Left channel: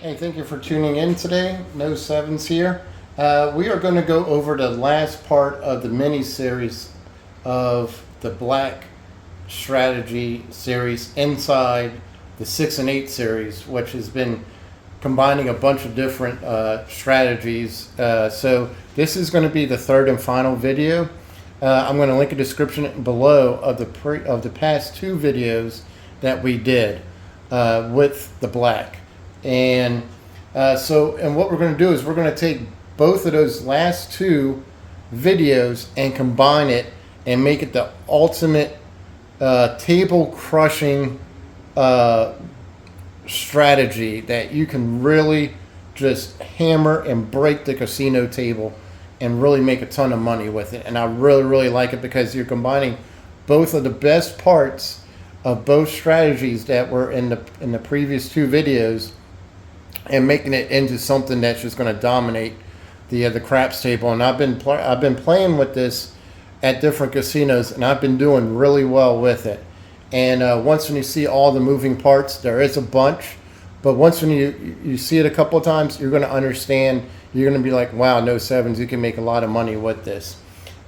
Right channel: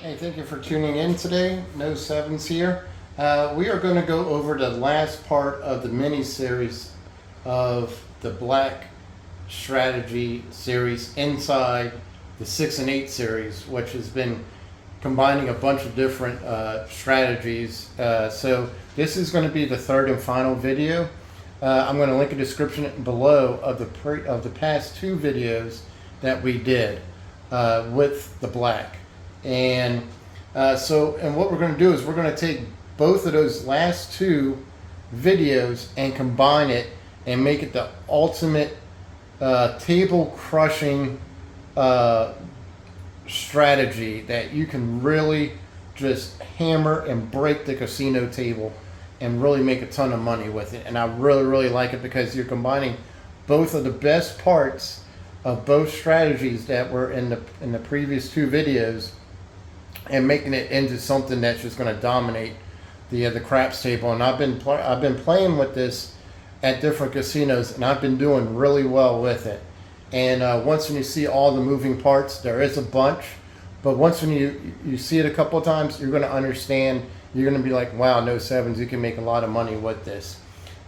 Hey, thank you for tuning in today. No Sevens here. We are going to go over the last part of the mini series of the Black Strategy series inside the 6 and 8 series, which has been combining a bunch of different strategies. So this is going to be the third and final video. I'm going to link a description below of the past two videos that we did with the black. And what we're going to do is we're going to take both of those last two videos and combine it and make it the ultimate table crushing strategy that you can really just hammer and break the casino table and really make a ton of money with it. And I really like it because you're combining both of the best parts of both strategies that were in the previous two videos and making it into something that's just going to dominate the craps table. And I've been playing with this at different casinos, and I've been doing really well with it. And once when you see all the moving parts, there is a bunch, but once when you see it a couple of times, you're going to understand. You're going to be like, wow, no Sevens, you can make a lot of money with this.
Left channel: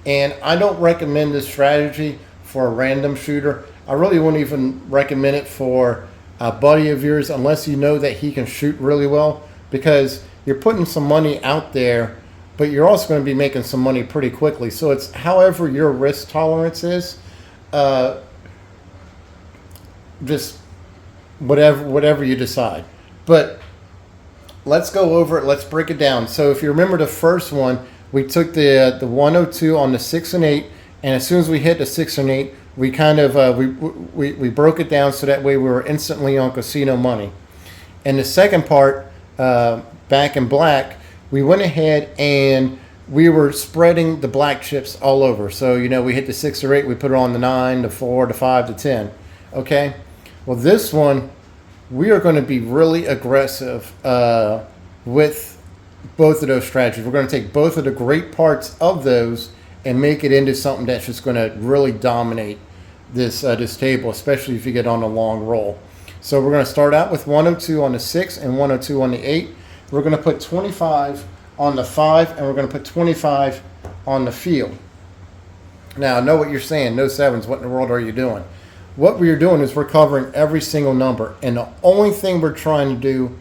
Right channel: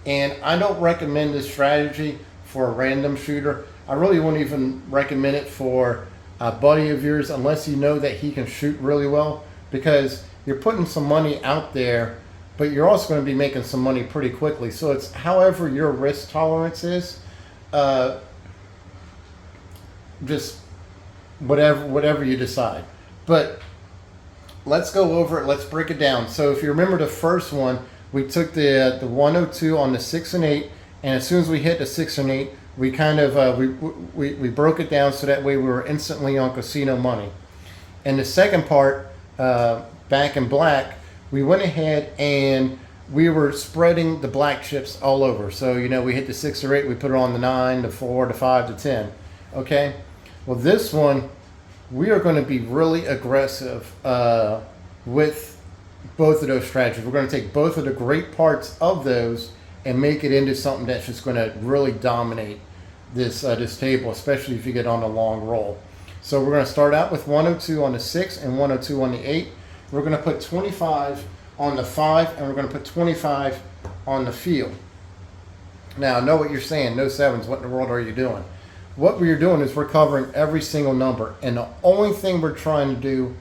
And I don't recommend this strategy for a random shooter. I really wouldn't even recommend it for a buddy of yours unless you know that he can shoot really well, because you're putting some money out there, but you're also going to be making some money pretty quickly. So it's however your risk tolerance is, just whatever you decide. But let's go over it. Let's break it down. So if you remember the first one, we took the 102 on the 6 and 8, and as soon as we hit the 6 and 8, we kind of we broke it down so that way we were instantly on casino money. And the second part, back in black, we went ahead and we were spreading the black chips all over. So we hit the 6 or 8, we put it on the 9, the 4, the 5, the 10. Okay. Well, this one we are going to be really aggressive with both of those strategies. We're going to take both of the great parts of those and make it into something that's just going to really dominate this table, especially if you get on a long roll. So we're going to start out with 102 on the 6 and 102 on the 8. We're going to put 25 on the 5, and we're going to put 25 on the field. Now, I know what you're saying. No Sevens, what in the world are you doing? What we're doing is we're covering every single number, and the only thing we're trying to do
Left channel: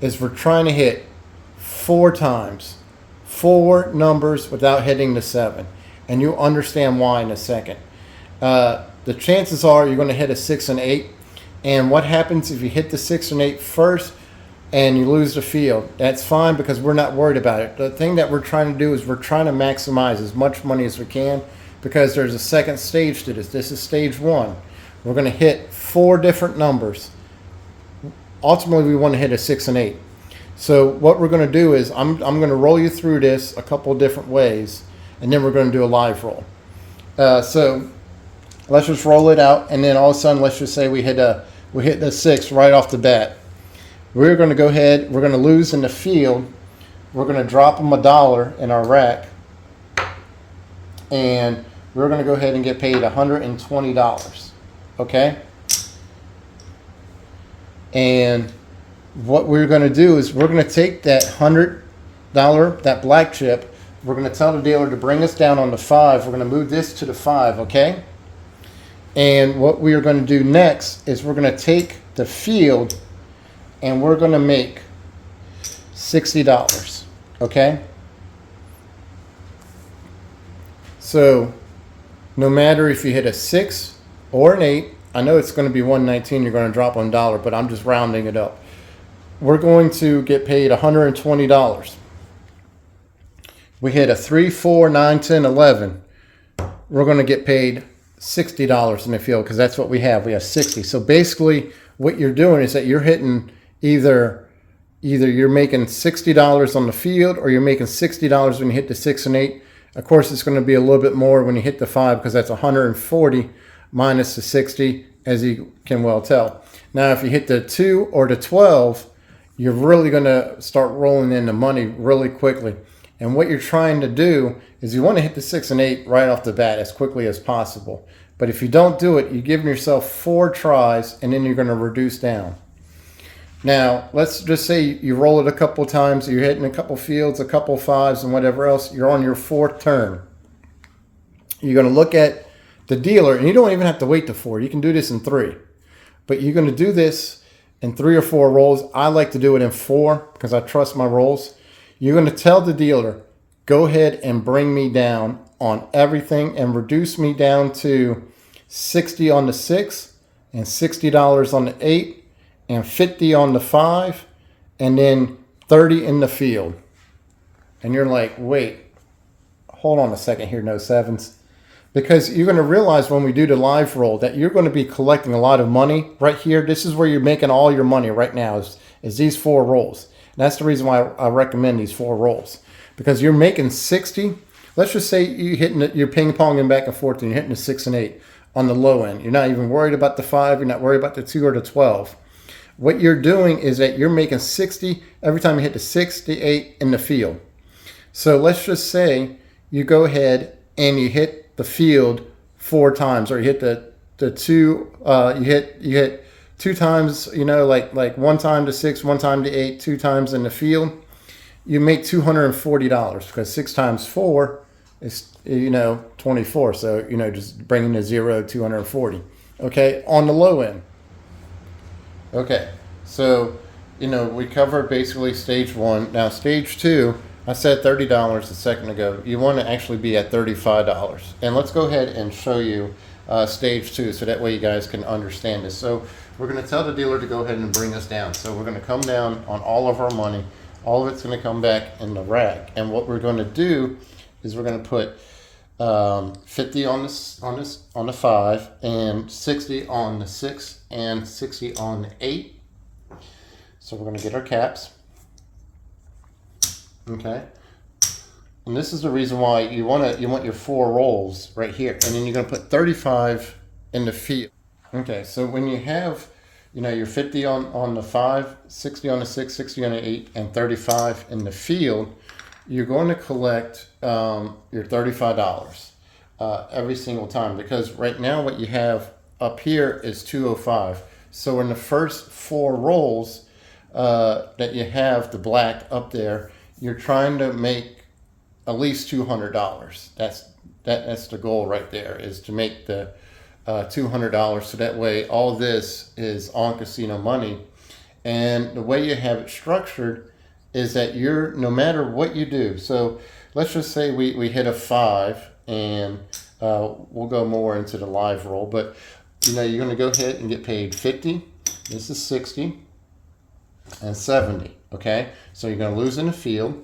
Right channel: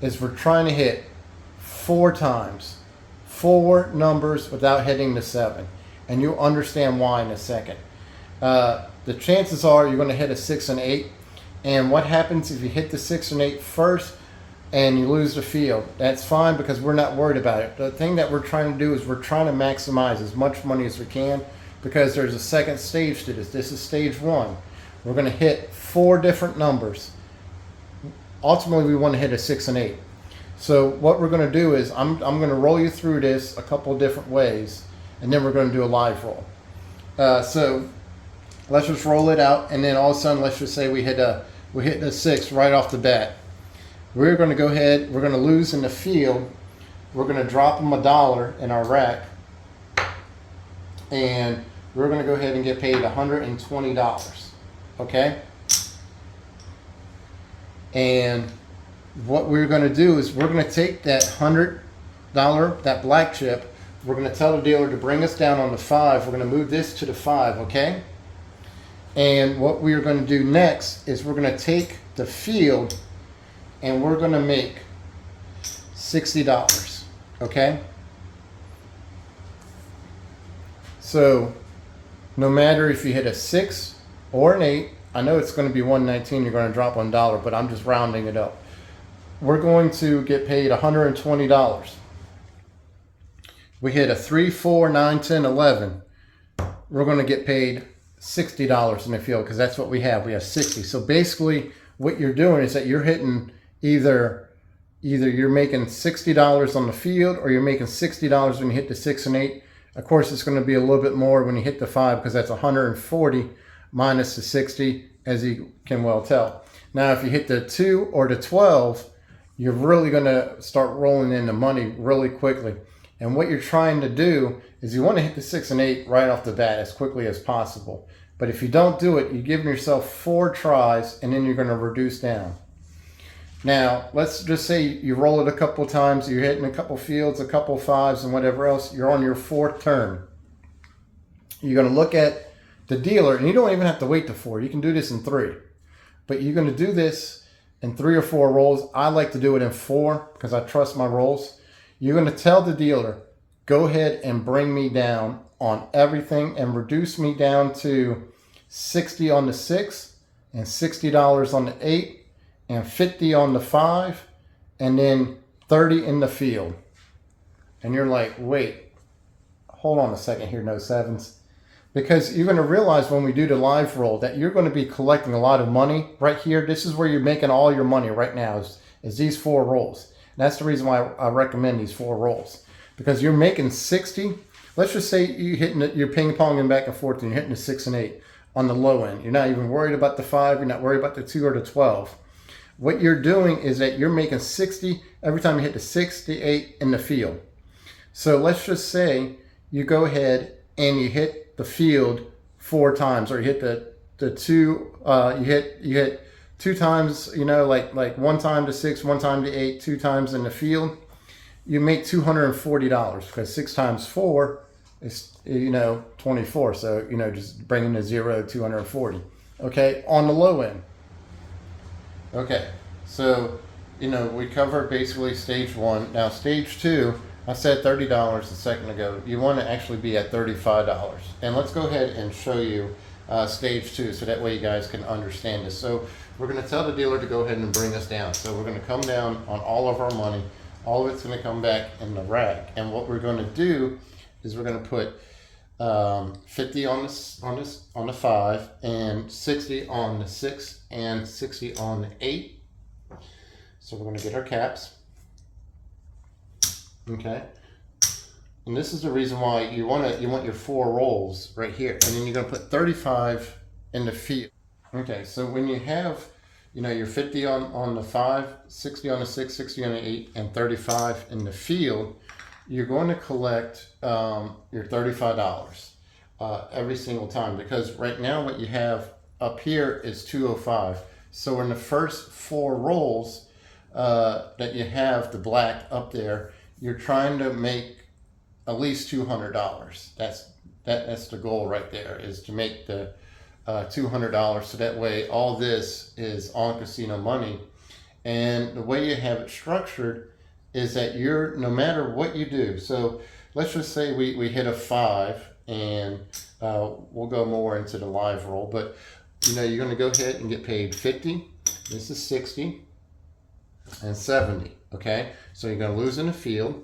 is we're trying to hit 4 times. 4 numbers without hitting the 7, and you'll understand why in a second. The chances are you're going to hit a 6 and 8, and what happens if you hit the 6 and 8 first and you lose the field? That's fine, because we're not worried about it. The thing that we're trying to do is we're trying to maximize as much money as we can, because there's a second stage to this. This is stage 1. We're going to hit 4 different numbers. Ultimately, we want to hit a 6 and 8. So what we're going to do is I'm going to roll you through this a couple different ways, and then we're going to do a live roll. So let's just roll it out, and then all of a sudden, let's just say we hit the 6 right off the bat. We're going to go ahead. We're going to lose in the field. We're going to drop them $1 in our rack, and we're going to go ahead and get paid $120. Okay. And what we're going to do is we're going to take that $100, that black chip. We're going to tell the dealer to bring us down on the 5. We're going to move this to the 5, okay? And what we are going to do next is we're going to take the field and we're going to make $60, okay? So no matter if you hit a 6 or an 8, I know it's going to be 119, you're going to drop $1, but I'm just rounding it up. We're going to get paid $120. We hit a 3, 4, 9, 10, 11. We're going to get paid $60 in the field, because that's what we have. We have 60. So basically what you're doing is that you're hitting either you're making $60 on the field, or you're making $60 when you hit the 6 and 8. Of course, it's going to be a little bit more when you hit the 5, because that's 140 minus the 60, as you can well tell. Now, if you hit the 2 or the 12, you're really going to start rolling in the money really quickly. And what you're trying to do is you want to hit the 6 and 8 right off the bat as quickly as possible. But if you don't do it, you're giving yourself 4 tries and then you're going to reduce down. Now, let's just say you roll it a couple times, you're hitting a couple fields, a couple fives and whatever else, you're on your 4th turn. You're going to look at the dealer, and you don't even have to wait to 4. You can do this in 3. But you're going to do this in 3 or 4 rolls. I like to do it in 4 because I trust my rolls. You're going to tell the dealer, go ahead and bring me down on everything and reduce me down to 60 on the 6 and $60 on the 8 and 50 on the 5 and then 30 in the field. And you're like, wait, hold on a second here, no sevens. Because you're going to realize when we do the live roll that you're going to be collecting a lot of money right here. This is where you're making all your money right now is these 4 rolls. And that's the reason why I recommend these 4 rolls. Because you're making 60. Let's just say you're ping-ponging back and forth and you're hitting the 6 and 8 on the low end. You're not even worried about the 5. You're not worried about the 2 or the 12. What you're doing is that you're making 60 every time you hit the 6, the 8 in the field. So let's just say you go ahead and you hit the field 4 times, or you hit the 2, you hit 2 times, like 1 time to 6, 1 time to 8, 2 times in the field. You make $240 because 6 times 4 is 24. So just bringing the 0 240. Okay, on the low end. Okay, so we covered basically stage 1. Now stage 2. I said $30 a second ago. You want to actually be at $35. And let's go ahead and show you stage 2 so that way you guys can understand this. So we're going to tell the dealer to go ahead and bring us down. So we're going to come down on all of our money. All of it's going to come back in the rack. And what we're going to do is we're going to put 50 on the 5 and 60 on the 6 and 60 on the 8. So we're going to get our caps. Okay, and this is the reason why you want your 4 rolls right here, and then you're going to put 35 in the field. Okay, so when you have your 50 on the 5, 60 on the 6, 60 on the 8, and 35 in the field, you're going to collect your $35 every single time, because right now what you have up here is 205. So in the first 4 rolls that you have the black up there, you're trying to make at least $200. That's the goal right there, is to make the $200. So that way all this is on casino money. And the way you have it structured is that no matter what you do. So let's just say we hit a 5, and we'll go more into the live roll. But you're going to go ahead and get paid 50. This is 60 and 70. Okay, so you're going to lose in the field.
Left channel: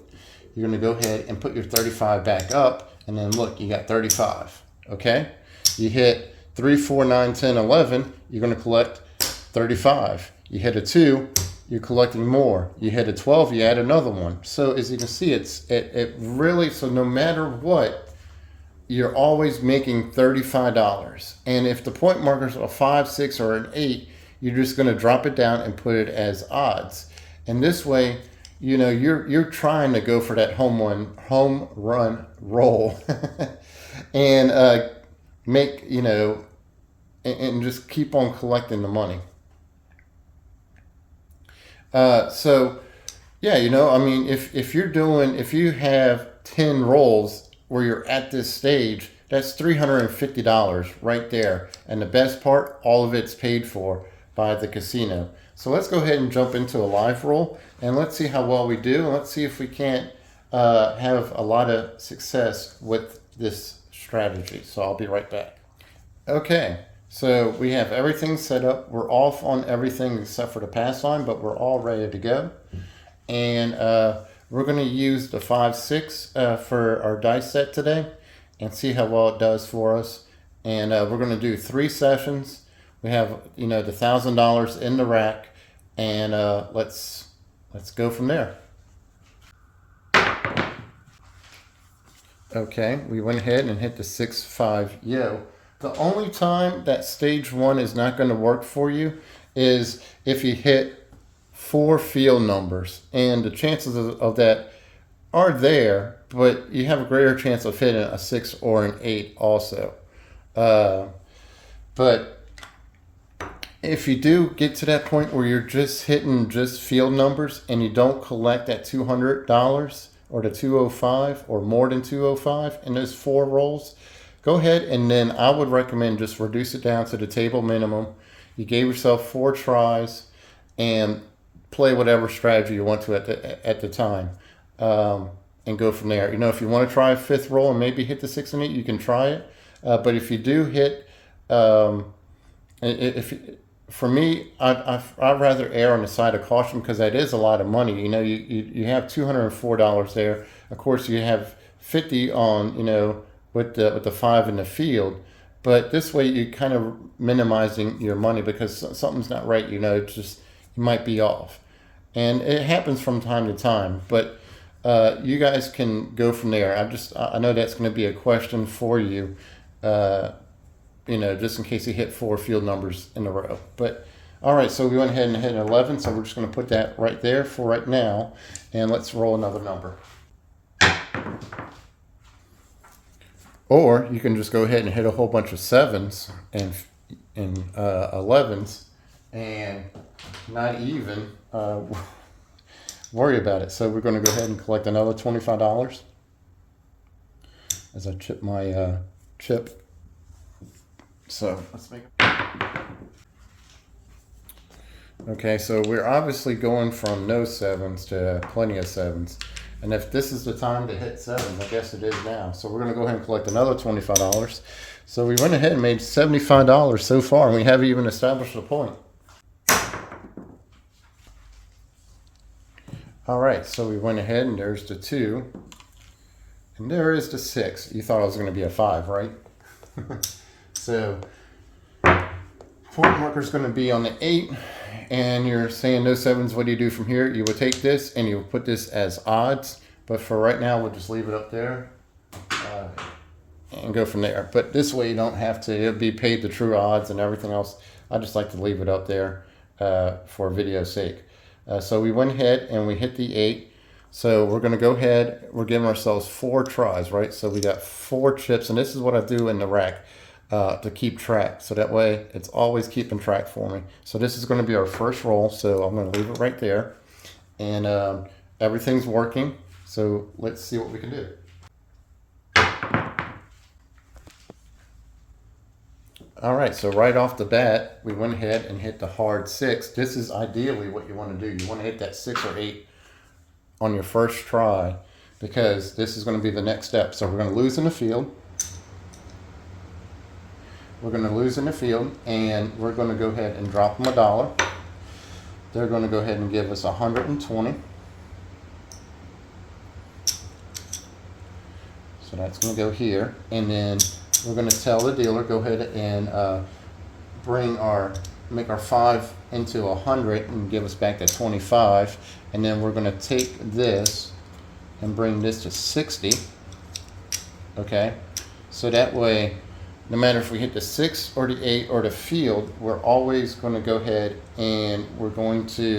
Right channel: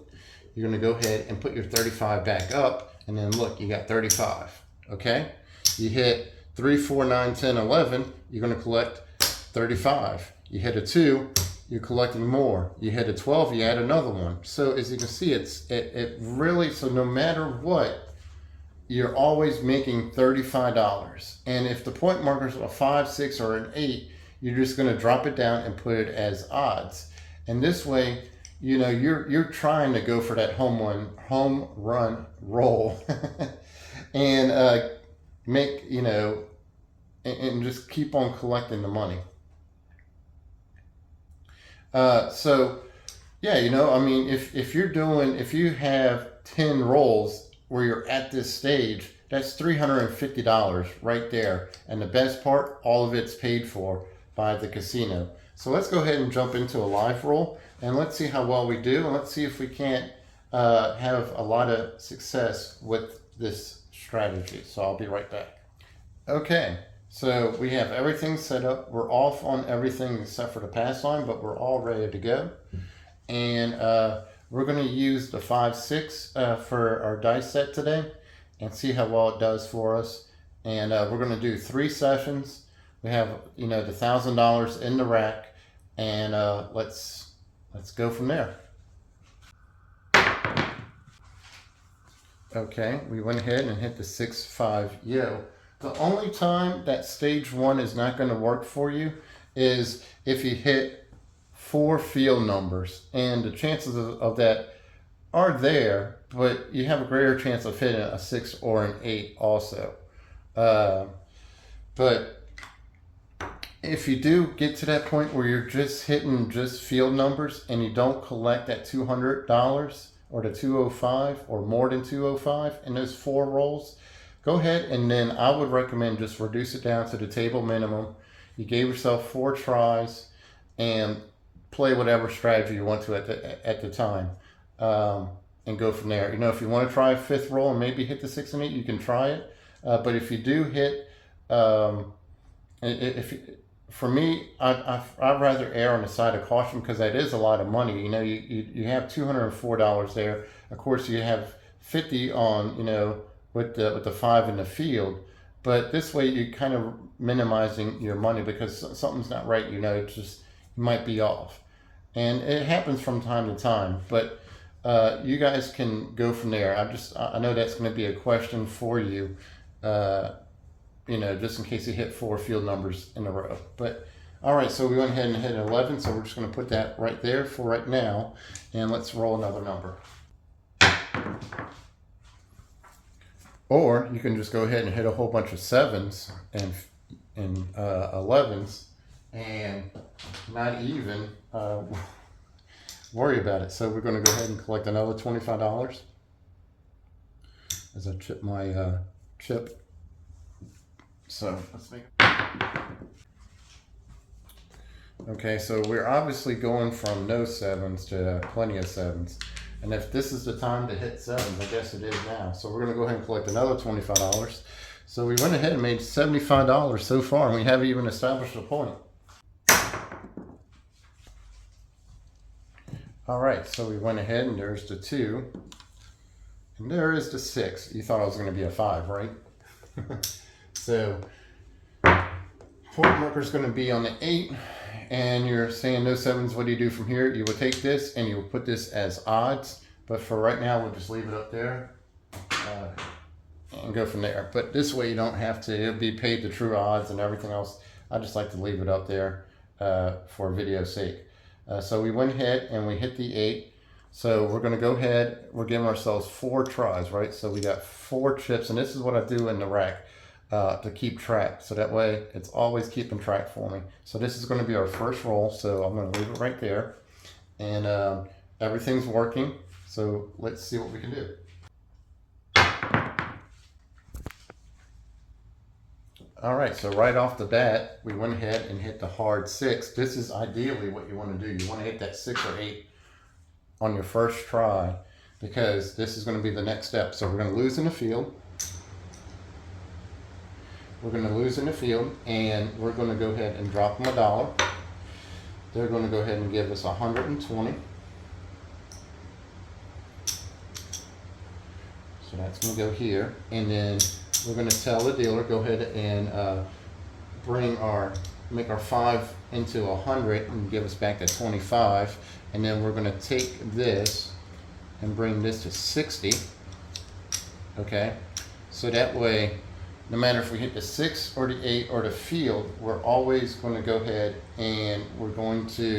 You're going to go ahead and put your 35 back up, and then look, you got 35. Okay, you hit 3, 4, 9, 10, 11. You're going to collect 35. You hit a 2, you're collecting more. You hit a 12, you add another one. So as you can see, it really, so no matter what, you're always making $35. And if the point markers are a 5, 6, or an 8, you're just going to drop it down and put it as odds. And this way, you're trying to go for that home run roll and make, and just keep on collecting the money. So yeah, I mean, if you have 10 rolls where you're at this stage, that's $350 right there. And the best part, all of it's paid for by the casino. So let's go ahead and jump into a live roll, and let's see how well we do. And let's see if we can't have a lot of success with this strategy. So I'll be right back. Okay, so we have everything set up. We're off on everything except for the pass line, but we're all ready to go. And we're going to use the 5, 6 for our dice set today and see how well it does for us. And we're going to do 3 sessions. We have, the $1,000 in the rack, and let's go from there. Okay, we went ahead and hit the 6, 5 yo. The only time that stage 1 is not going to work for you is if you hit 4 field numbers, and the chances of that are there, but you have a greater chance of hitting a 6 or an 8 also. But if you do get to that point where you're just hitting just field numbers and you don't collect that $200 or the 205 or more than 205 in those 4 rolls, go ahead and then I would recommend just reduce it down to the table minimum. You gave yourself 4 tries and play whatever strategy you want to at the time, and go from there. You know, if you want to try a 5th roll and maybe hit the 6 and 8, you can try it. But if you do hit, for me, I'd rather err on the side of caution because that is a lot of money. You know, you have $204 there. Of course, you have 50 on, you know, with the 5 in the field. But this way, you're kind of minimizing your money because something's not right. You know, it's just you might be off, and it happens from time to time. But you guys can go from there. I know that's going to be a question for you. You know, just in case you hit 4 field numbers in a row. But all right, so we went ahead and hit 11, so we're just going to put that right there for right now, and let's roll another number. Or you can just go ahead and hit a whole bunch of 7s and 11s and not even worry about it. So we're going to go ahead and collect another $25 as I chip my chip. So let's make it. Okay, so we're obviously going from no 7s to plenty of 7s. And if this is the time to hit 7, I guess it is now. So we're going to go ahead and collect another $25. So we went ahead and made $75 so far, and we haven't even established a point. All right, so we went ahead and there's the 2. And there is the 6. You thought it was going to be a 5, right? So point marker is going to be on the 8, and you're saying no 7s. What do you do from here? You would take this and you would put this as odds, but for right now we'll just leave it up there and go from there. But this way you don't have to, it'll be paid the true odds and everything else. I just like to leave it up there for video's sake. So we went ahead and we hit the 8. So we're going to go ahead, we're giving ourselves 4 tries, right? So we got 4 chips, and this is what I do in the rack. To keep track, so that way it's always keeping track for me. So this is going to be our first roll, so I'm going to leave it right there, and everything's working. So let's see what we can do. All right, so right off the bat we went ahead and hit the hard 6. This is ideally what you want to do. You want to hit that 6 or 8 on your first try, because this is going to be the next step. So we're going to lose in the field. We're going to lose in the field, and we're going to go ahead and drop them $1. They're going to go ahead and give us 120. So that's going to go here, and then we're going to tell the dealer, go ahead and make our 5 into 100 and give us back that 25, and then we're going to take this and bring this to 60. Okay, so that way, no matter if we hit the 6 or the 8 or the field, we're always going to go ahead and we're going to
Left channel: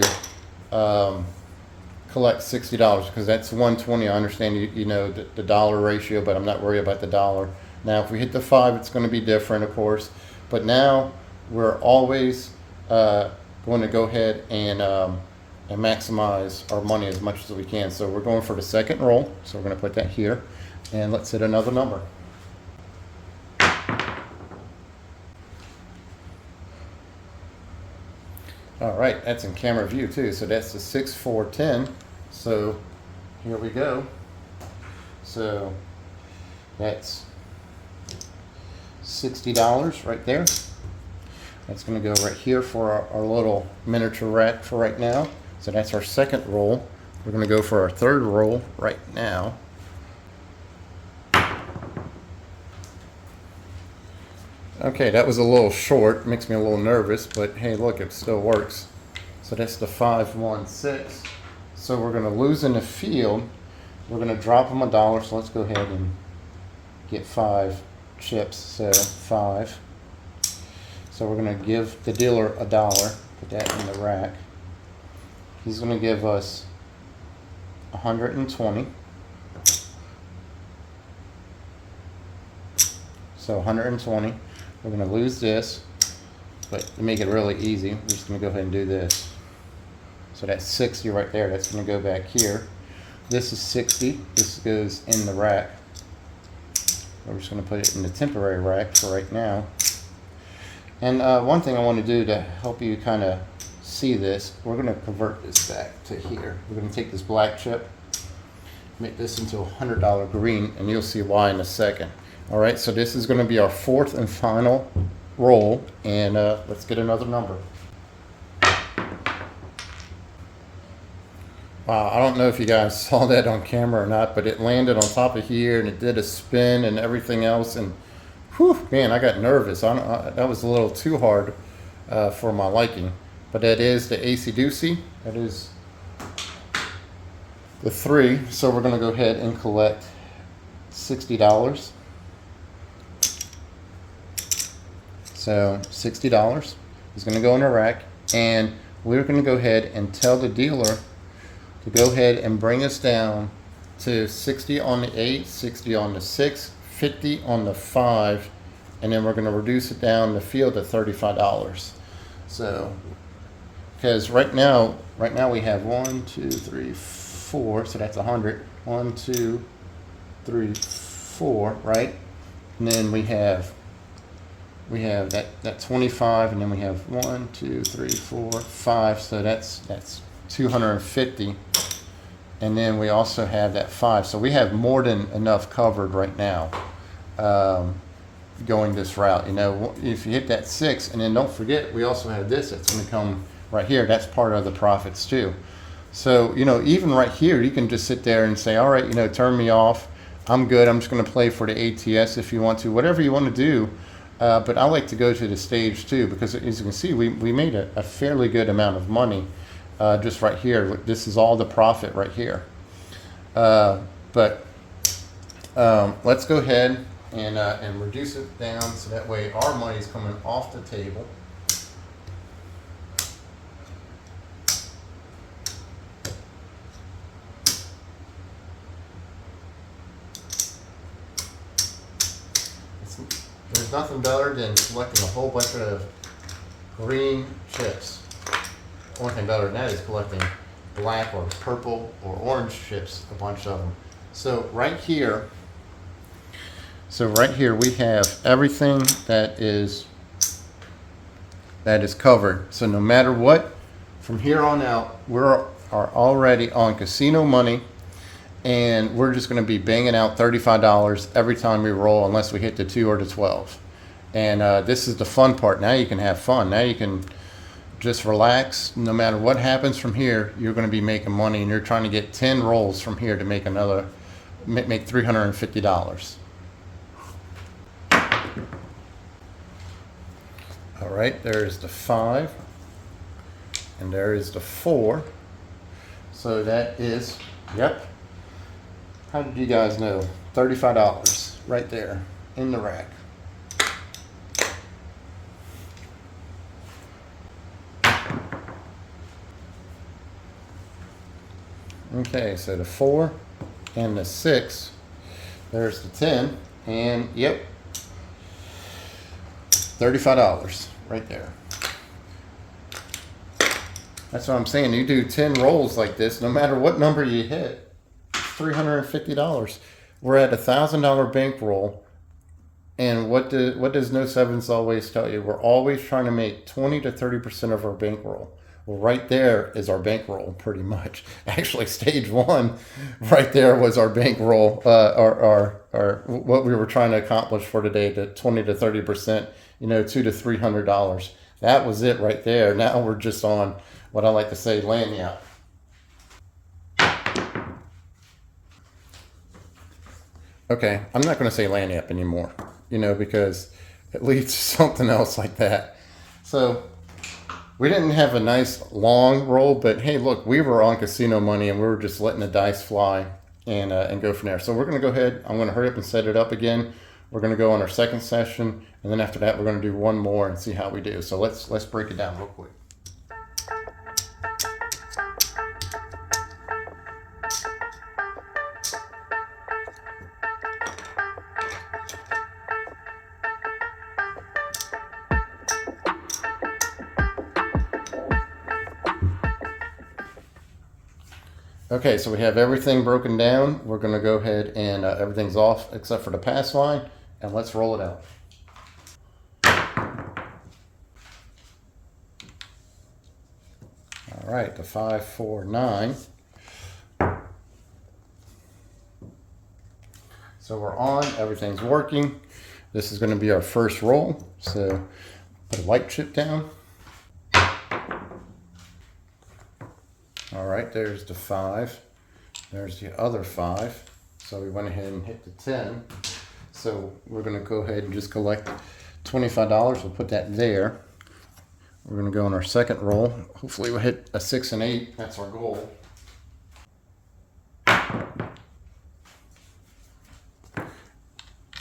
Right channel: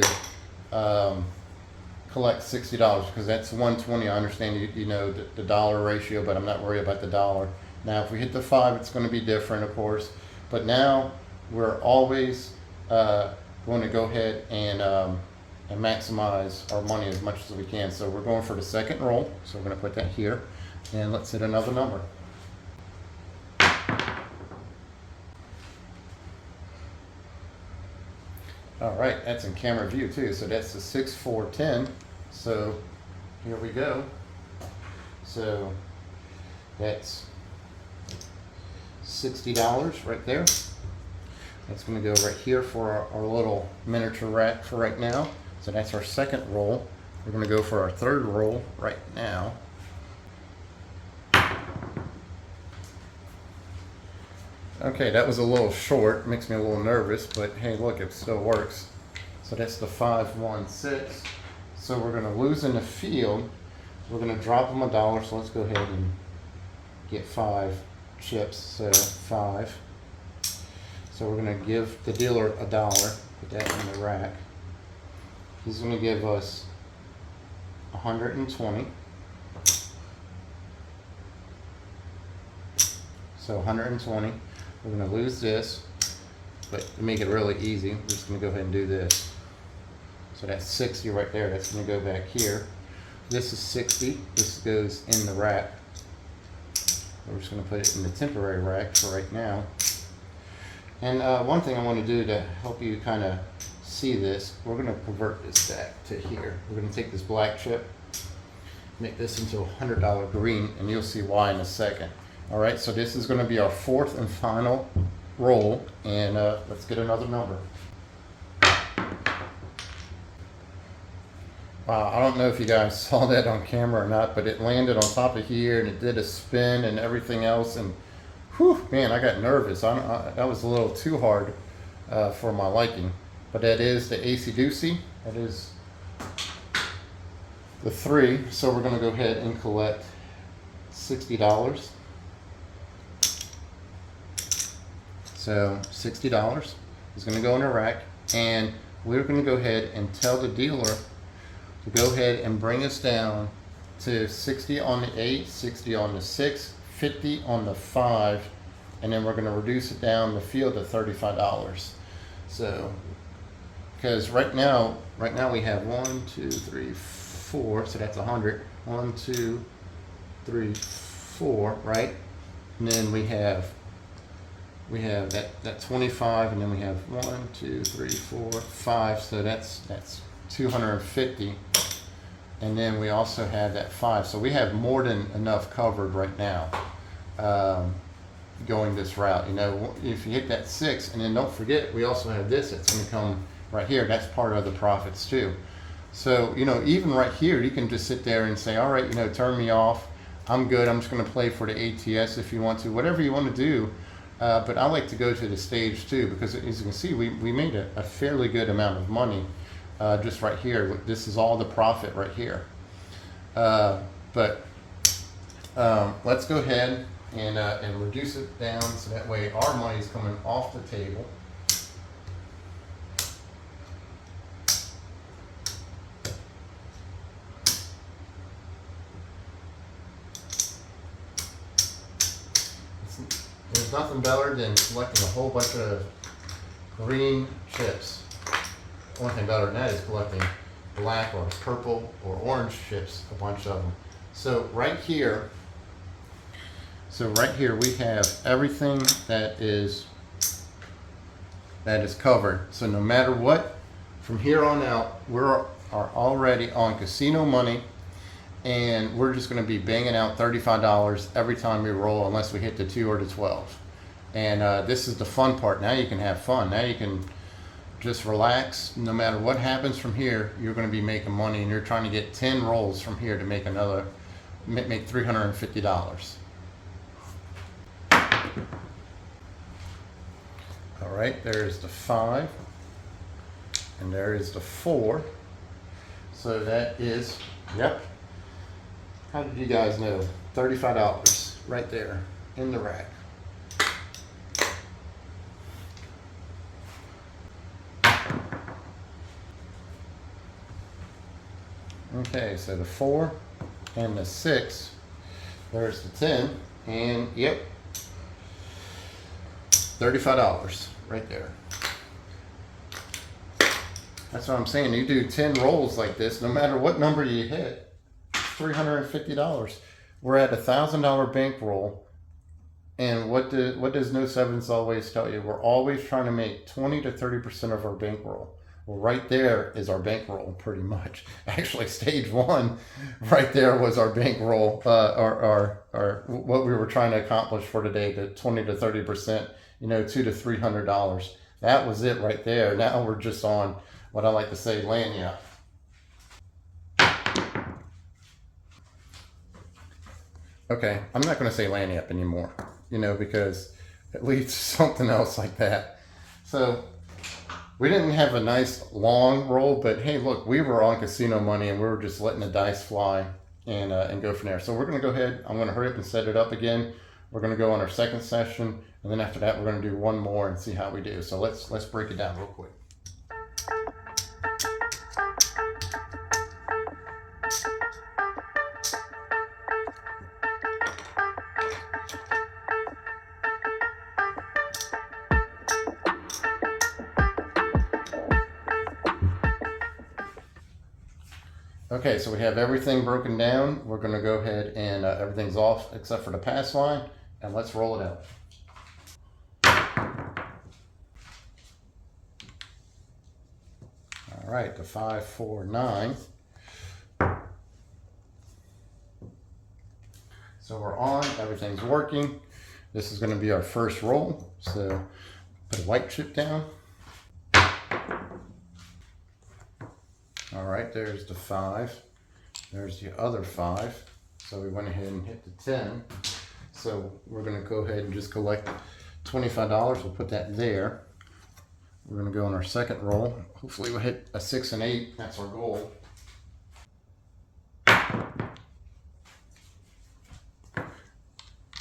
collect $60, because that's 120. I understand you know the dollar ratio, but I'm not worried about the dollar. Now if we hit the 5, it's going to be different, of course, but now we're always going to go ahead and maximize our money as much as we can. So we're going for the second roll, so we're going to put that here, and let's hit another number. All right, that's in camera view too. So that's the 6, 4, 10. So here we go. So that's $60 right there. That's going to go right here for our little miniature rack for right now. So that's our second roll. We're going to go for our third roll right now. Okay, that was a little short, makes me a little nervous, but hey, look, it still works. So that's the 5, 1, 6. So we're going to lose in the field. We're going to drop them $1. So let's go ahead and get 5 chips. So 5. So we're going to give the dealer $1. Put that in the rack. He's going to give us 120. So 120. We're going to lose this, but to make it really easy, we're just going to go ahead and do this. So that's 60 right there. That's going to go back here. This is 60. This goes in the rack. We're just going to put it in the temporary rack for right now. And one thing I want to do to help you kind of see this, we're going to convert this back to here. We're going to take this black chip, make this into a $100 green, and you'll see why in a second. All right, so this is going to be our fourth and final roll, and let's get another number. Wow, I don't know if you guys saw that on camera or not, but it landed on top of here and it did a spin and everything else, and whew, man, I got nervous. That was a little too hard for my liking. But that is the AC Doocy. That is the 3. So we're going to go ahead and collect $60. So $60 is going to go in a rack, and we're going to go ahead and tell the dealer to go ahead and bring us down to 60 on the 8, 60 on the 6, 50 on the 5, and then we're going to reduce it down the field to $35. So, because right now we have 1, 2, 3, 4, so that's 100. 1, 2, 3, 4, right? And then we have that 25, and then we have 1, 2, 3, 4, 5, so that's 250. And then we also have that 5, so we have more than enough covered right now going this route. You know, if you hit that 6, and then don't forget we also have this that's going to come right here. That's part of the profits too. So, you know, even right here you can just sit there and say, all right, you know, turn me off, I'm good, I'm just going to play for the ATS if you want to, whatever you want to do. But I like to go to the stage too, because as you can see, we made a fairly good amount of money just right here. This is all the profit right here. But let's go ahead and reduce it down so that way our money is coming off the table. There's nothing better than collecting a whole bunch of green chips. One thing better than that is collecting black or purple or orange chips, a bunch of them. So right here we have everything that is covered. So no matter what, from here on out, are already on casino money, and we're just going to be banging out $35 every time we roll, unless we hit the 2 or the 12. And this is the fun part. Now you can have fun. Now you can just relax. No matter what happens from here, you're going to be making money, and you're trying to get 10 rolls from here to make make $350. All right, there is the 5, and there is the 4. So that is, yep. How did you guys know? $35 right there in the rack. Okay, so the 4 and the 6, there's the 10, and yep, $35 right there. That's what I'm saying. You do 10 rolls like this, no matter what number you hit, $350. We're at $1,000 bankroll, and what does No Sevens always tell you? We're always trying to make 20 to 30% of our bankroll. Well, right there is our bankroll, pretty much. Actually, stage 1, right there was our bankroll, our what we were trying to accomplish for today, the 20 to 30%, you know, $200 to $300. That was it right there. Now we're just on what I like to say, lagniappe. Okay, I'm not going to say lagniappe anymore, you know, because it leads to something else like that. So we didn't have a nice long roll, but hey, look, we were on casino money, and we were just letting the dice fly and go from there. So we're going to go ahead. I'm going to hurry up and set it up again. We're going to go on our second session, and then after that, we're going to do one more and see how we do. So let's break it down real quick. Okay, so we have everything broken down. We're going to go ahead and everything's off except for the pass line, and let's roll it out. All right, the 5, 4, 9. So we're on, everything's working. This is going to be our first roll. So put a white chip down. All right, there's the 5. There's the other 5. So we went ahead and hit the 10. So we're going to go ahead and just collect $25. We'll put that there. We're going to go on our second roll. Hopefully we'll hit a 6 and 8. That's our goal.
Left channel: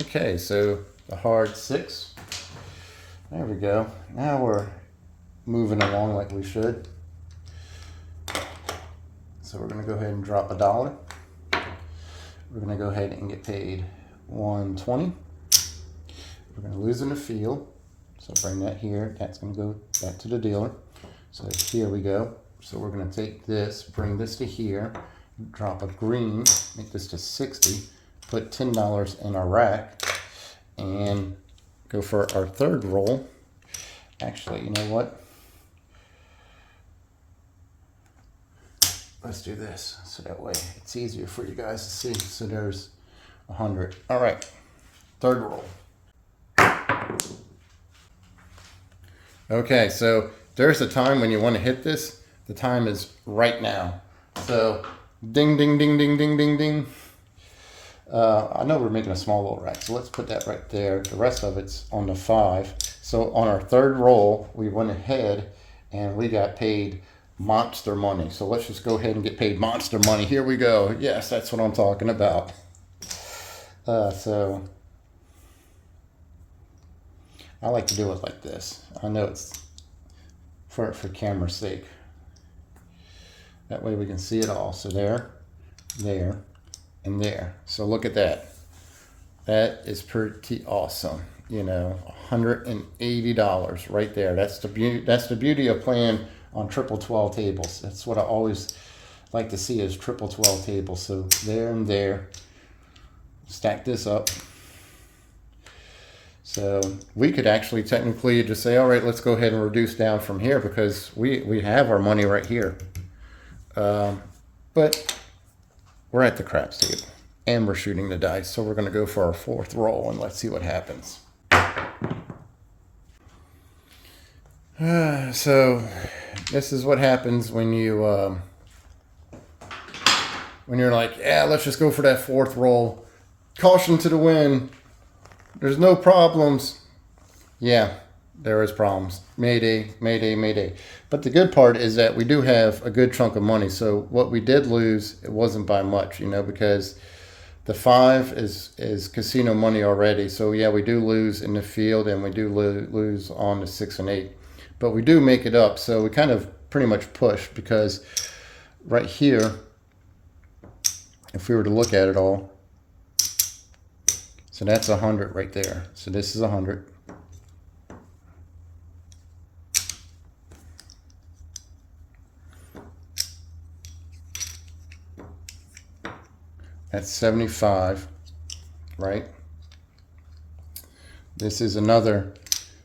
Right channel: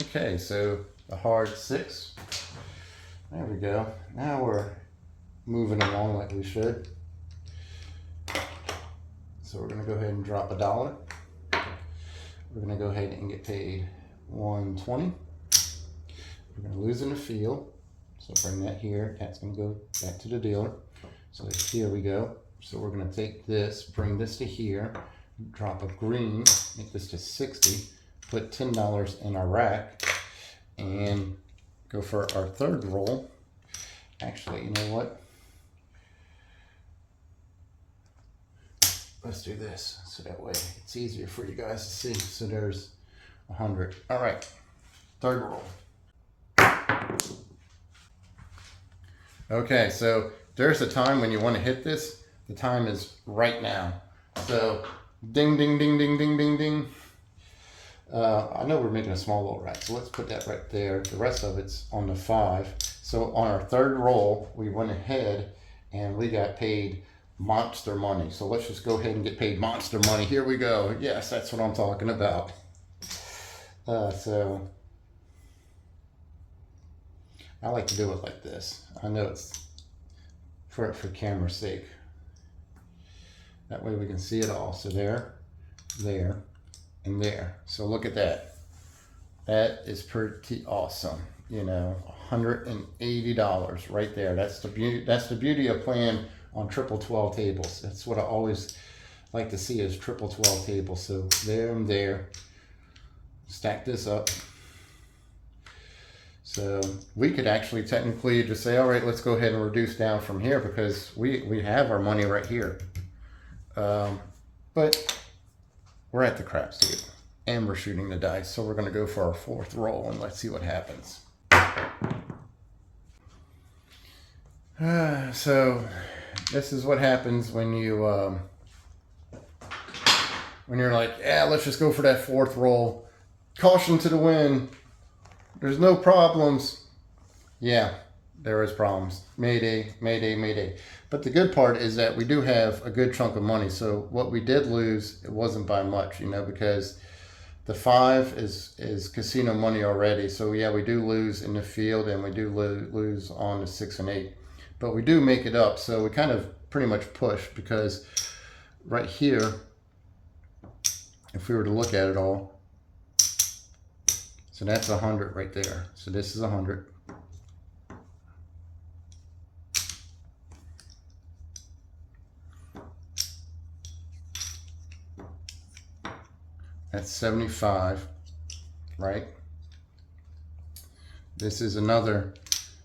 Okay, so the hard 6. There we go. Now we're moving along like we should. So we're going to go ahead and drop $1. We're going to go ahead and get paid $1.20. We're going to lose in the field. So bring that here. That's going to go back to the dealer. So here we go. So we're going to take this, bring this to here, drop a green, make this to 60, put $10 in our rack, and go for our third roll. Actually, you know what? Let's do this so that way it's easier for you guys to see. So there's 100. All right, third roll. Okay, so there's a time when you want to hit this. The time is right now. So ding, ding, ding, ding, ding, ding, ding. I know we're making a small little rack, so let's put that right there. The rest of it's on the 5. So on our third roll, we went ahead and we got paid monster money. So let's just go ahead and get paid monster money. Here we go. Yes, that's what I'm talking about. So I like to do it like this. I know it's for camera's sake. That way we can see it all. So there, there, and there. So look at that. That is pretty awesome. You know, $180 right there. That's the beauty. That's the beauty of playing on triple 12 tables. That's what I always like to see is triple 12 tables. So there and there. Stack this up. So we could actually technically just say, all right, let's go ahead and reduce down from here because we have our money right here. But we're at the craps table and we're shooting the dice. So we're going to go for our fourth roll and let's see what happens. So this is what happens when you when you're like, yeah, let's just go for that fourth roll. Caution to the wind. There's no problems. Yeah, there is problems. Mayday, mayday, mayday. But the good part is that we do have a good chunk of money. So what we did lose, it wasn't by much, you know, because the 5 is casino money already. So yeah, we do lose in the field and we do lose on the 6 and 8. But we do make it up. So we kind of pretty much push because right here, if we were to look at it all, so that's 100 right there. So this is 100. That's 75, right? This is another,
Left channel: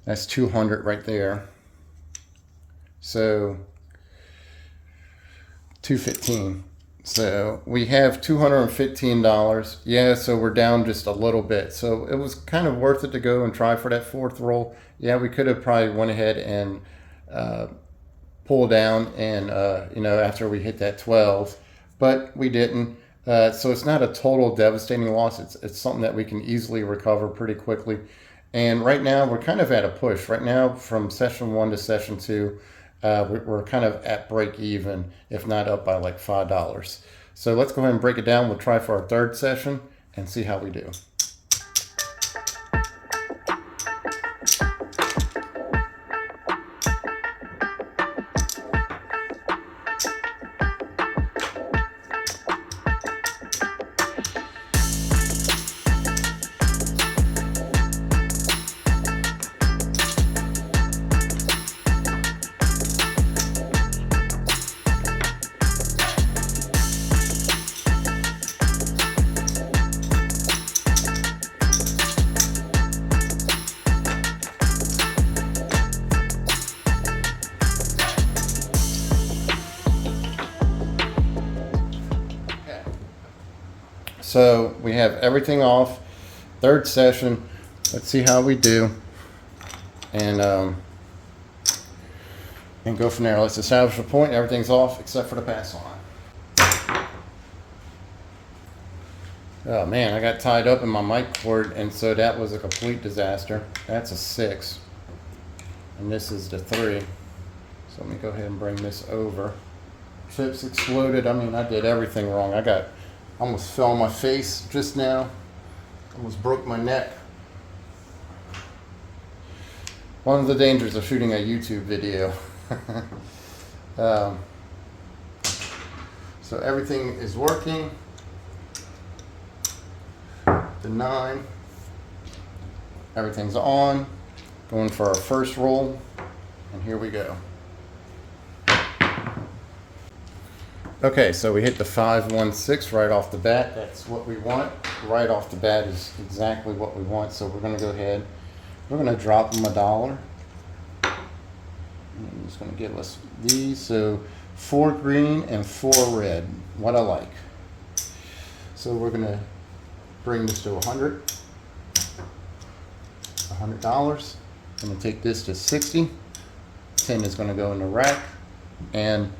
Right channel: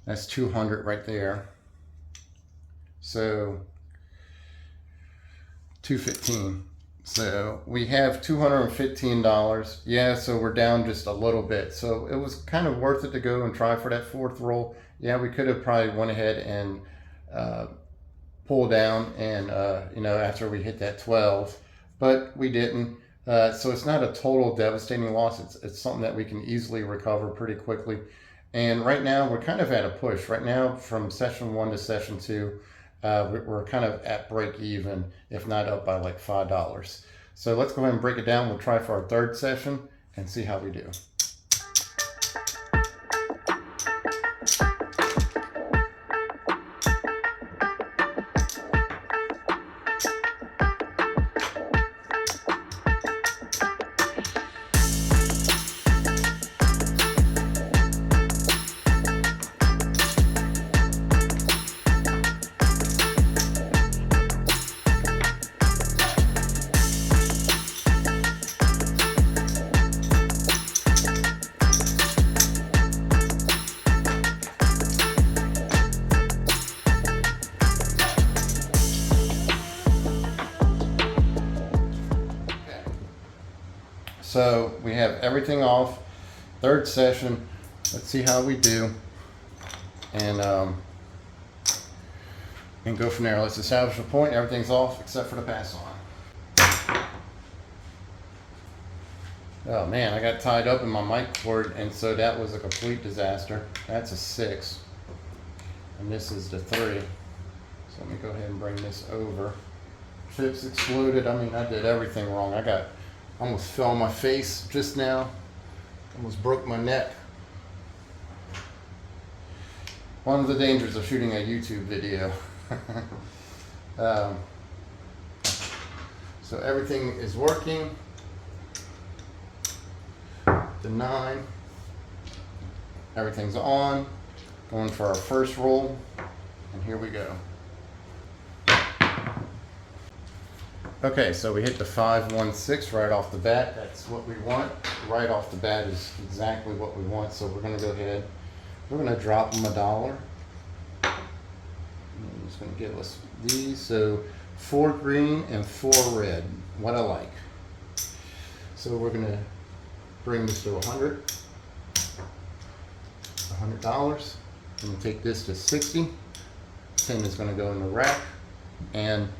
that's 200 right there. So 215. So we have $215. Yeah, so we're down just a little bit. So it was kind of worth it to go and try for that fourth roll. Yeah, we could have probably went ahead and pull down and you know, after we hit that 12, but we didn't. So it's not a total devastating loss. It's something that we can easily recover pretty quickly. And right now we're kind of at a push. Right now from session 1 to session 2, we're kind of at break even, if not up by like $5. So let's go ahead and break it down. We'll try for our third session and see how we do. So we have everything off. Third session. Let's see how we do. And go from there. Let's establish a point. Everything's off except for the pass line. Oh man, I got tied up in my mic cord, and so that was a complete disaster. That's a 6. And this is the 3. So let me go ahead and bring this over. Chips exploded. I mean, I did everything wrong. I almost fell on my face just now. Almost broke my neck. One of the dangers of shooting a YouTube video. So everything is working. The 9. Everything's on. Going for our first roll. And here we go. Okay, so we hit the 5-1-6 right off the bat. That's what we want. Right off the bat is exactly what we want. So we're going to go ahead. We're going to drop them $1. I'm just going to give us these. So 4 green and 4 red. What I like. So we're going to bring this to $100. $100. I'm going to take this to 60. 10 is going to go in the rack. And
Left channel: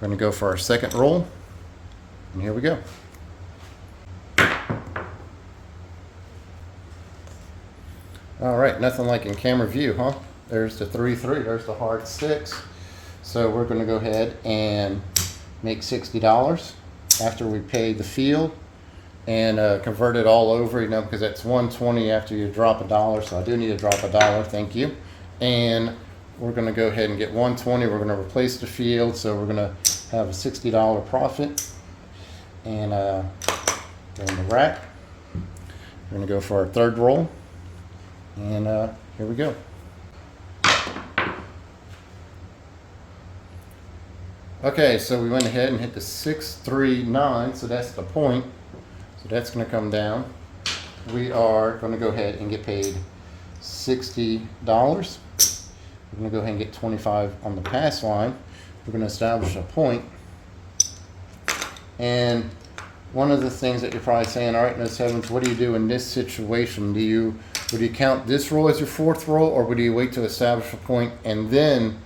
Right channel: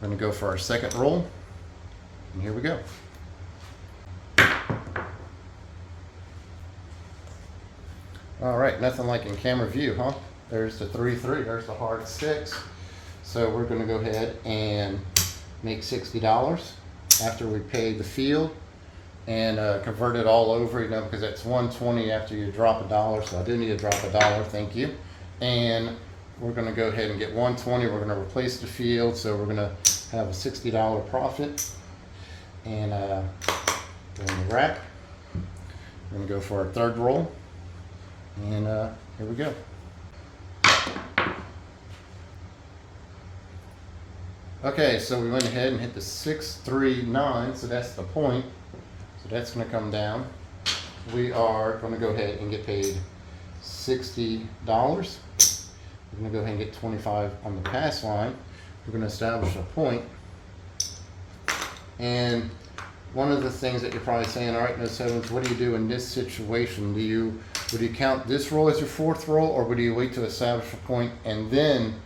we're going to go for our second roll. And here we go. All right, nothing like in camera view, huh? There's the 3-3, there's the hard 6. So we're going to go ahead and make $60 after we pay the field and convert it all over, you know, because that's $120 after you drop $1. So I do need to drop $1, thank you. And we're going to go ahead and get $120. We're going to replace the field, so we're going to have a $60 profit. And go in the rack. We're going to go for our third roll. And here we go. Okay, so we went ahead and hit the 6-3-9, so that's the point. So that's going to come down. We are going to go ahead and get paid $60. We're going to go ahead and get 25 on the pass line. We're going to establish a point. And one of the things that you're probably saying, all right, No Sevens, what do you do in this situation? Would you count this roll as your fourth roll, or would you wait to establish a point and then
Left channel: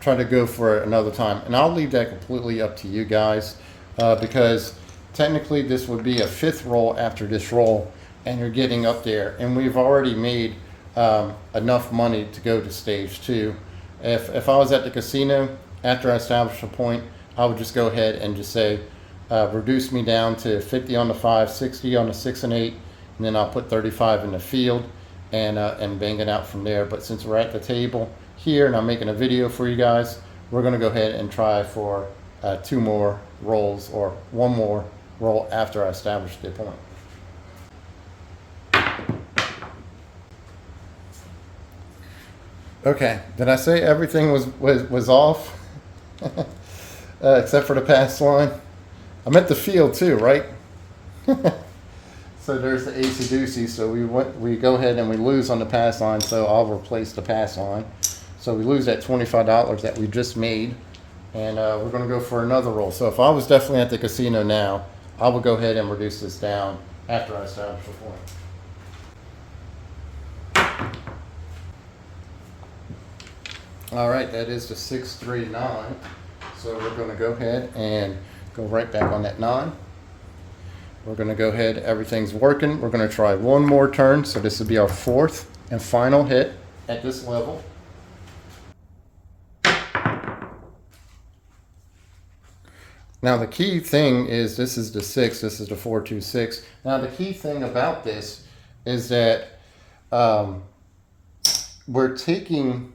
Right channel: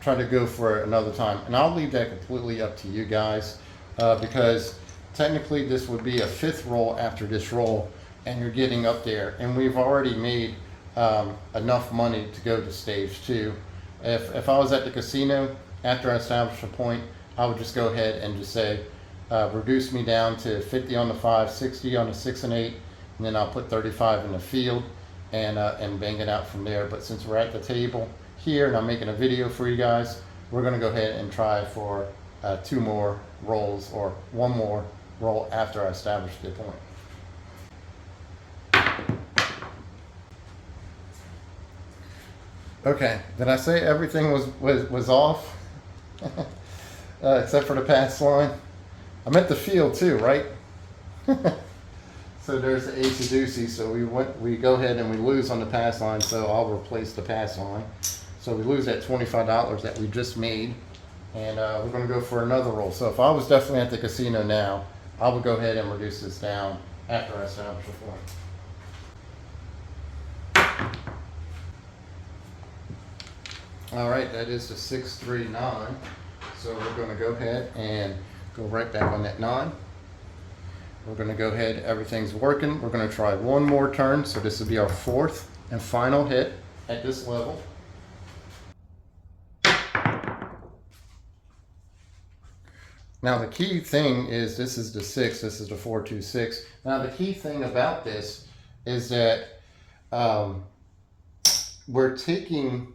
try to go for it another time? And I'll leave that completely up to you guys, because technically this would be a 5th roll after this roll, and you're getting up there. And we've already made enough money to go to stage 2. If I was at the casino after I established a point, I would just go ahead and just say, reduce me down to 50 on the 5, 60 on the 6 and 8, and then I'll put 35 in the field and bang it out from there. But since we're at the table here and I'm making a video for you guys, we're going to go ahead and try for 2 more rolls, or 1 more roll after I establish the point. Okay, did I say everything was off? Except for the pass line? I meant the field too, right? So there's the Acey Deucey. So we go ahead and we lose on the pass line, so I'll replace the pass line. So we lose that $25 that we just made, and we're going to go for another roll. So if I was definitely at the casino now, I would go ahead and reduce this down after I establish a point. All right, that is the 6-3-9. So we're going to go ahead and go right back on that 9. We're going to go ahead, everything's working. We're going to try 1 more turn. So this will be our 4th and final hit at this level. Now the key thing is, this is the 6, this is the 4-2-6. Now the key thing about this is that we're taking,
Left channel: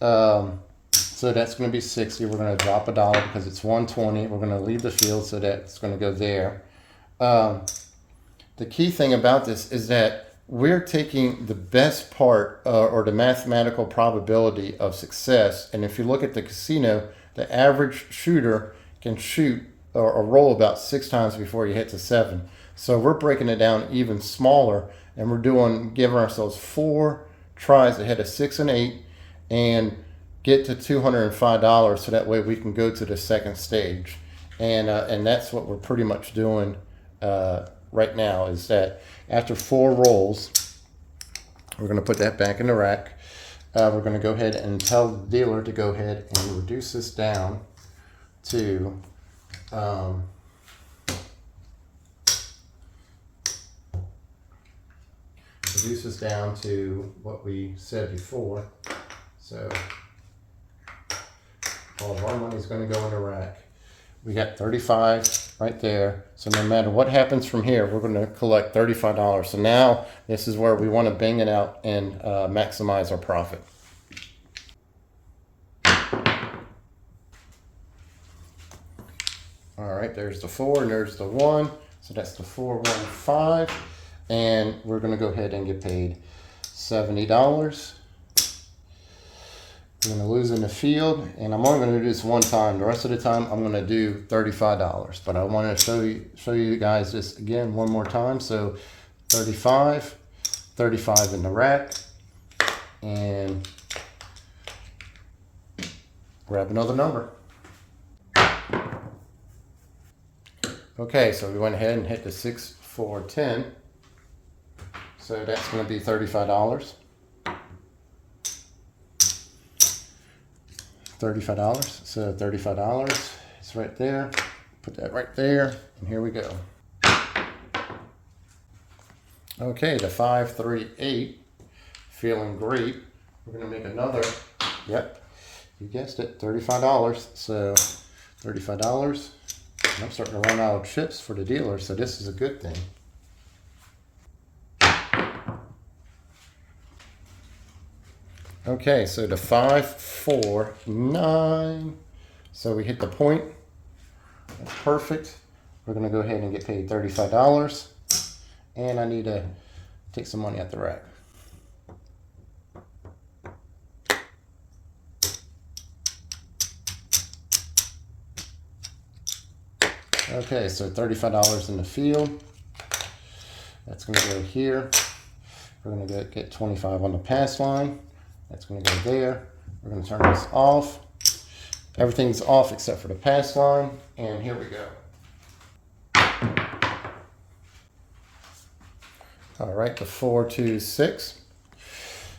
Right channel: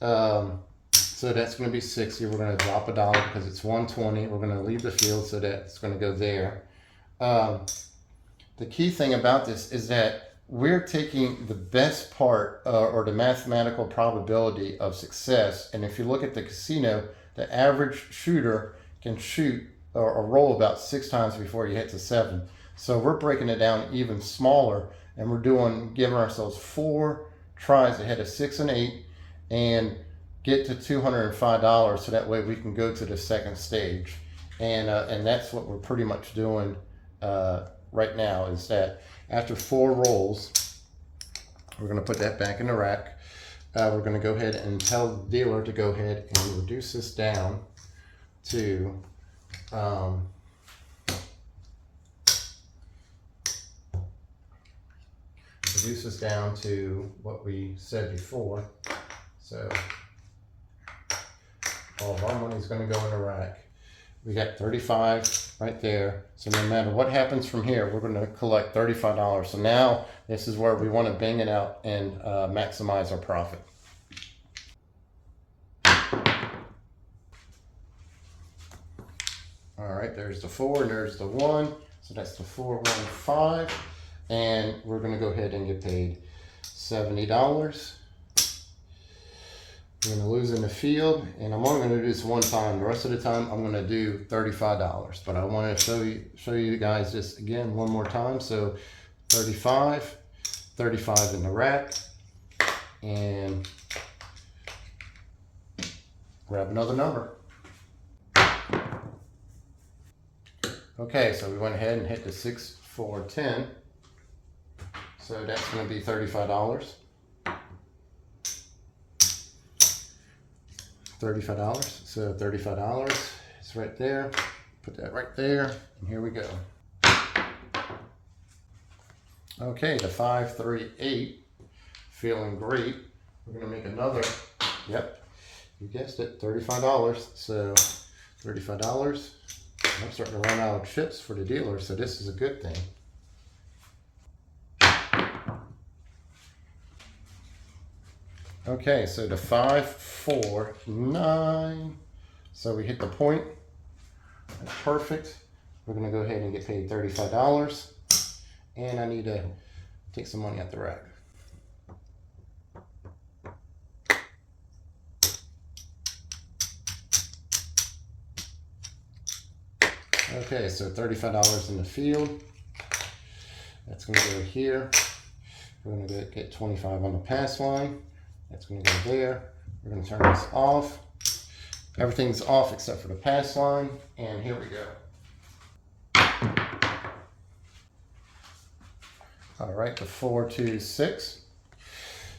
so that's going to be 60. We're going to drop $1 because it's 120. We're going to leave the field, so that's going to go there. The key thing about this is that we're taking the best part or the mathematical probability of success. And if you look at the casino, the average shooter can shoot or roll about 6 times before he hits a 7. So we're breaking it down even smaller, and we're giving ourselves 4 tries to hit a 6 and 8 and get to $205, so that way we can go to the second stage. And that's what we're pretty much doing right now is that after 4 rolls, we're going to put that back in the rack. We're going to go ahead and tell the dealer to go ahead and reduce this down to what we said before. So all of our money is going to go in the rack. We got 35 right there. So no matter what happens from here, we're going to collect $35. So now this is where we want to bang it out and maximize our profit. All right, there's the 4 and there's the 1. So that's the 415. And we're going to go ahead and get paid $70. I'm going to lose in the field, and I'm only going to do this one time. The rest of the time, I'm going to do $35. But I want to show you guys this again one more time. So 35 in the rack, and grab another number. Okay, so we went ahead and hit the 6, 4, 10. So that's going to be $35. $35. So $35 is right there. Put that right there, and here we go. Okay, the 5, 3, 8, feeling great. We're gonna make another. Yep, you guessed it, $35. So $35. I'm starting to run out of chips for the dealer, so this is a good thing. Okay, so the 5, 4, 9. So we hit the point. That's perfect. We're gonna go ahead and get paid $35. And I need to take some money out the rack. Okay, so $35 in the field. That's gonna go here. We're gonna get 25 on the pass line. That's going to go there. We're going to turn this off. Everything's off except for the pass line. And here we go. All right, the 4, 2, 6.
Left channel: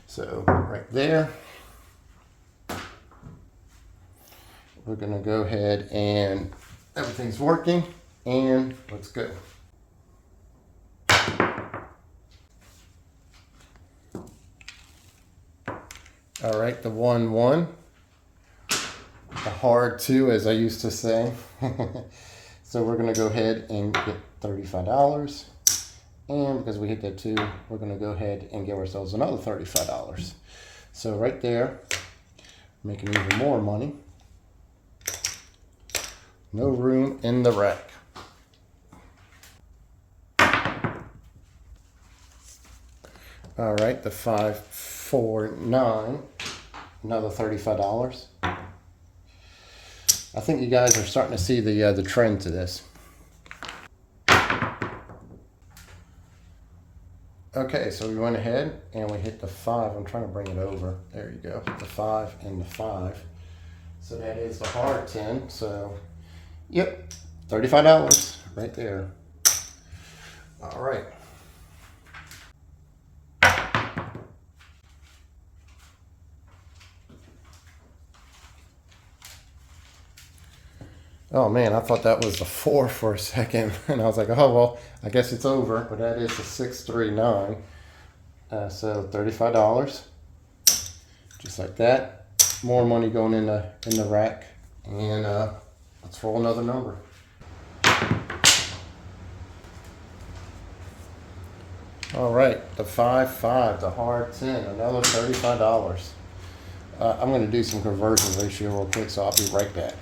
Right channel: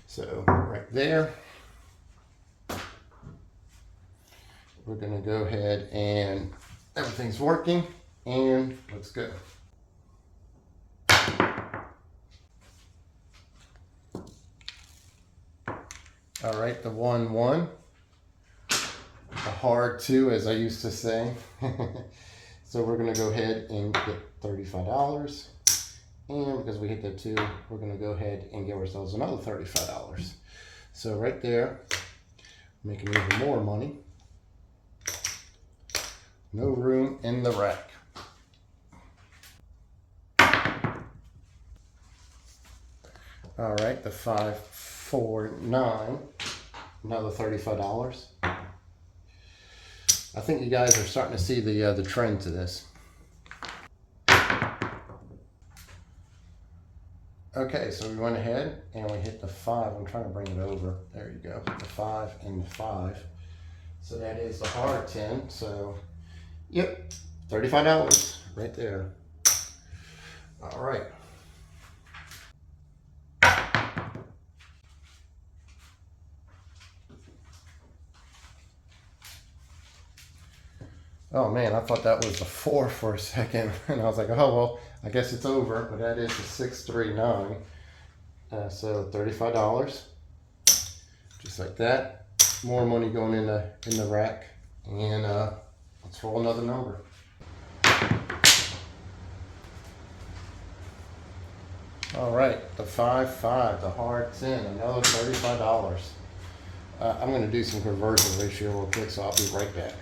So right there. We're going to go ahead and everything's working. And let's go. All right, the 1, 1, the hard 2, as I used to say. So we're gonna go ahead and get $35. And because we hit that 2, we're gonna go ahead and give ourselves another $35. So right there, making even more money. No room in the rack. All right, the 5, 4, 9, another $35. I think you guys are starting to see the trend to this. Okay, so we went ahead and we hit the 5. I'm trying to bring it over. There you go, the 5 and the 5. So that is the hard 10. So, yep, $35 right there. All right. Oh man, I thought that was the 4 for a second, and I was like, oh well, I guess it's over. But that is the 6, 3, 9. So $35, just like that. More money going in the rack, and let's roll another number. All right, the 5, 5, the hard 10, another $35. I'm going to do some conversion ratio real quick, so I'll be right back.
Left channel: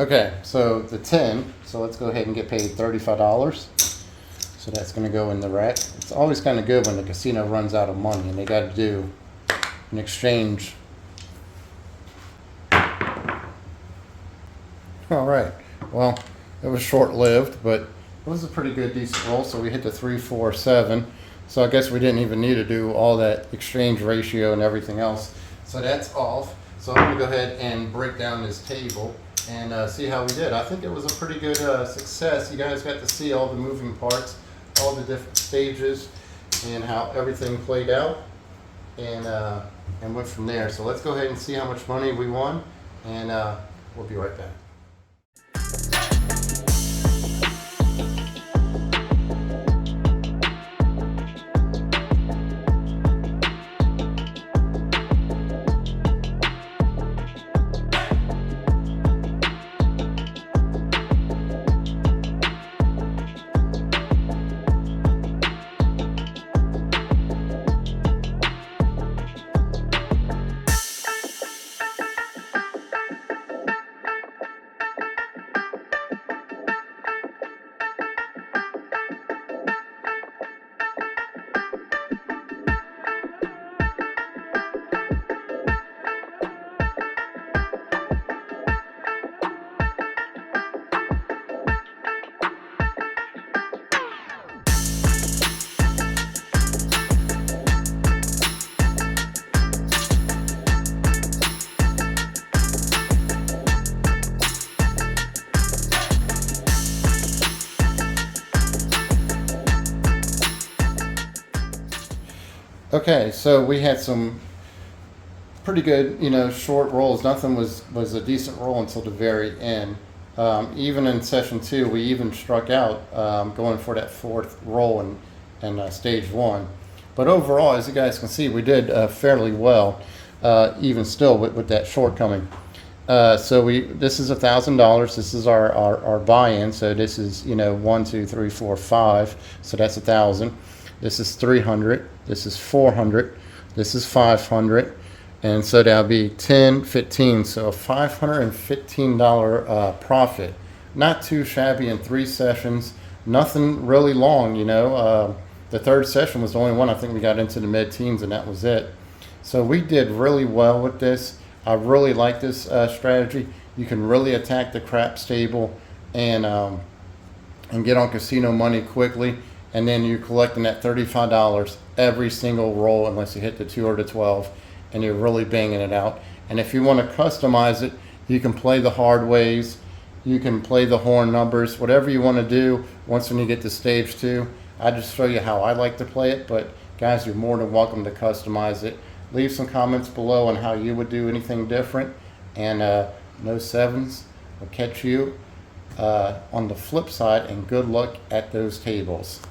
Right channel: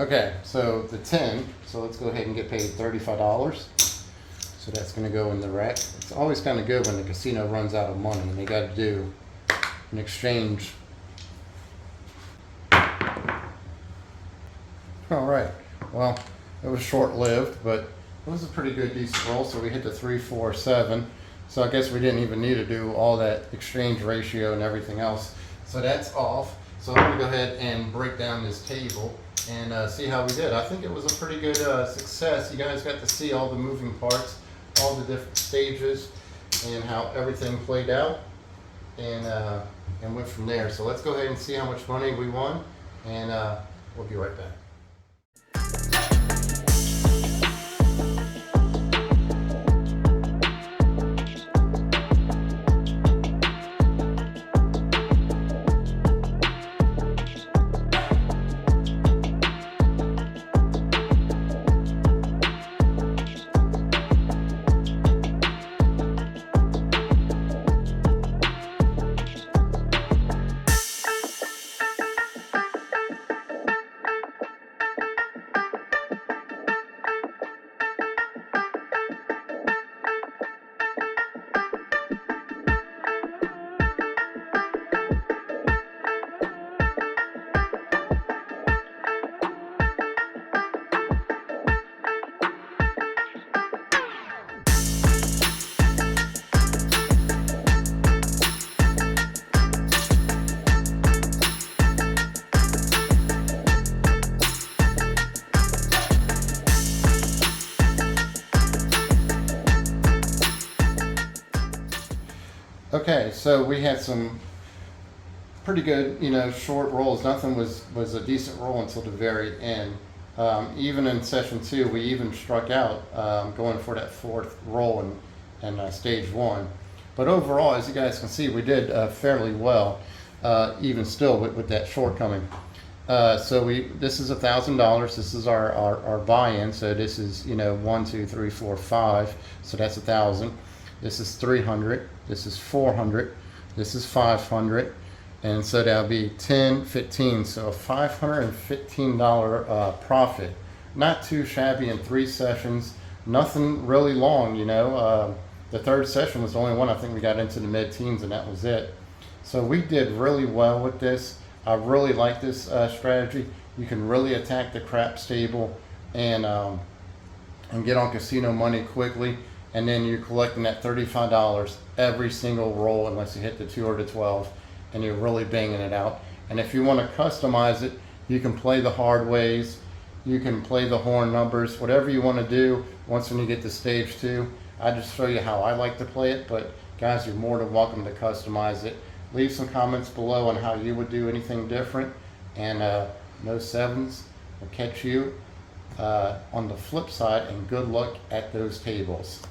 Okay, so the 10, so let's go ahead and get paid $35. So that's going to go in the rack. It's always kind of good when the casino runs out of money and they got to do an exchange. All right, well, it was short-lived, but it was a pretty good, decent roll. So we hit the 3, 4, 7. So I guess we didn't even need to do all that exchange ratio and everything else. So that's off. So I'm going to go ahead and break down this table and see how we did. I think it was a pretty good success. You guys got to see all the moving parts, all the different stages, and how everything played out, and went from there. So let's go ahead and see how much money we won, and we'll be right back. Okay, so we had some pretty good, short rolls. Nothing was a decent roll until the very end. Even in session 2, we even struck out going for that 4th roll in stage 1. But overall, as you guys can see, we did fairly well, even still with that shortcoming. So this is $1,000. This is our buy-in. So this is 1, 2, 3, 4, 5. So that's 1,000. This is 300. This is 400. This is 500. And so that'll be 10, 15. So a $515 profit. Not too shabby in 3 sessions. Nothing really long, The 3rd session was the only one I think we got into the mid-teens, and that was it. So we did really well with this. I really like this strategy. You can really attack the craps table and get on casino money quickly. And then you're collecting that $35 every single roll unless you hit the 2 or the 12, and you're really banging it out. And if you want to customize it, you can play the hard ways, you can play the horn numbers, whatever you want to do. Once when you get to stage 2, I just show you how I like to play it, but guys, you're more than welcome to customize it. Leave some comments below on how you would do anything different, and no sevens. I'll catch you on the flip side, and good luck at those tables.